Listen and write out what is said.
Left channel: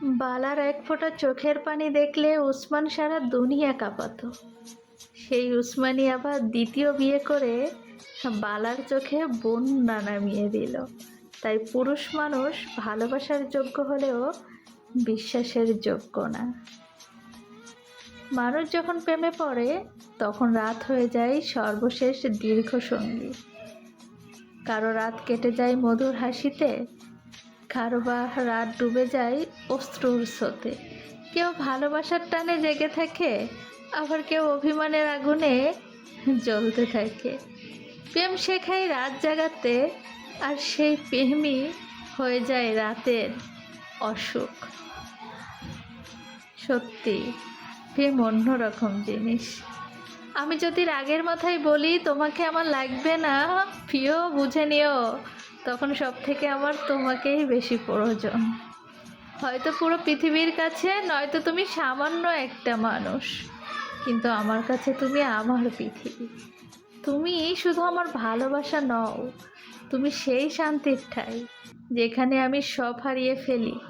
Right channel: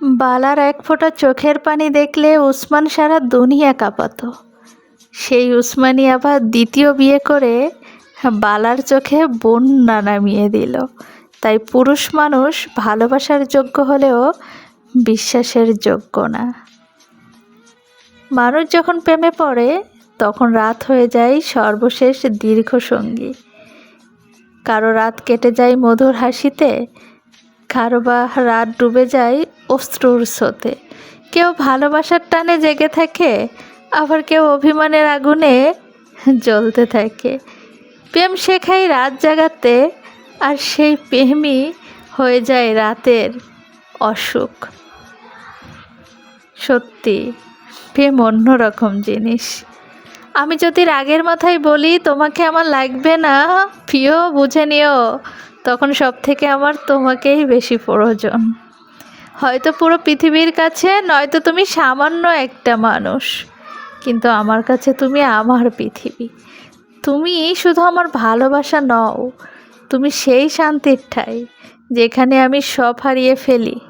বালার এক ফোঁটা চোখের পানি দেখলে উসমান সারা দুনিয়া কাঁপাতো। সেই উসমানি আবার দ্বিতীয় বিয়ে করে বালার চোখে বন্যা নামিয়ে দিল। তাই পুরুষ মানুষ ভালোবাসার যোগ্য হলেও বিশ্বাসের যোগ্য না। মানুষ যখন প্রেমে পড়ে, তখন রাত হয়ে যায় সর্বশেষ দীর্ঘ সঙ্গী কারও রাত কেটে যায় মধুর হাসিতে কারও বা রাত ডুবে যায় অশ্রুর স্রোতে। কেউ ভালোবাসার টানে জেগে থাকে, আবার কেউ অভিমানের আগুনে জ্বলতে থাকে। প্রেম শেখায় রাত জাগাতে, আর সেই প্রেমই হয়ে যায় রাতের অসুখ। সত্যি, প্রেম অন্যরকম জিনিস। আমি যদি রাগের মাথায় বলি, তোমাকে আমার লাগবে না। প্রিয়, বুঝে নিও, তখন সব থেকে আমার তোমাকেই বেশি প্রয়োজন। হয়তো পুরো পৃথিবীর কাছে, নয়তো তুমি সামান্য একটা মানুষ। কিন্তু আমার কাছে তুমি আমার পৃথিবী। তুমি শুধু আমার ভালোবাসা নও, তুমি সেই শান্তির ঠাই, যেখানে আমি সব হারিয়ে ফেলি।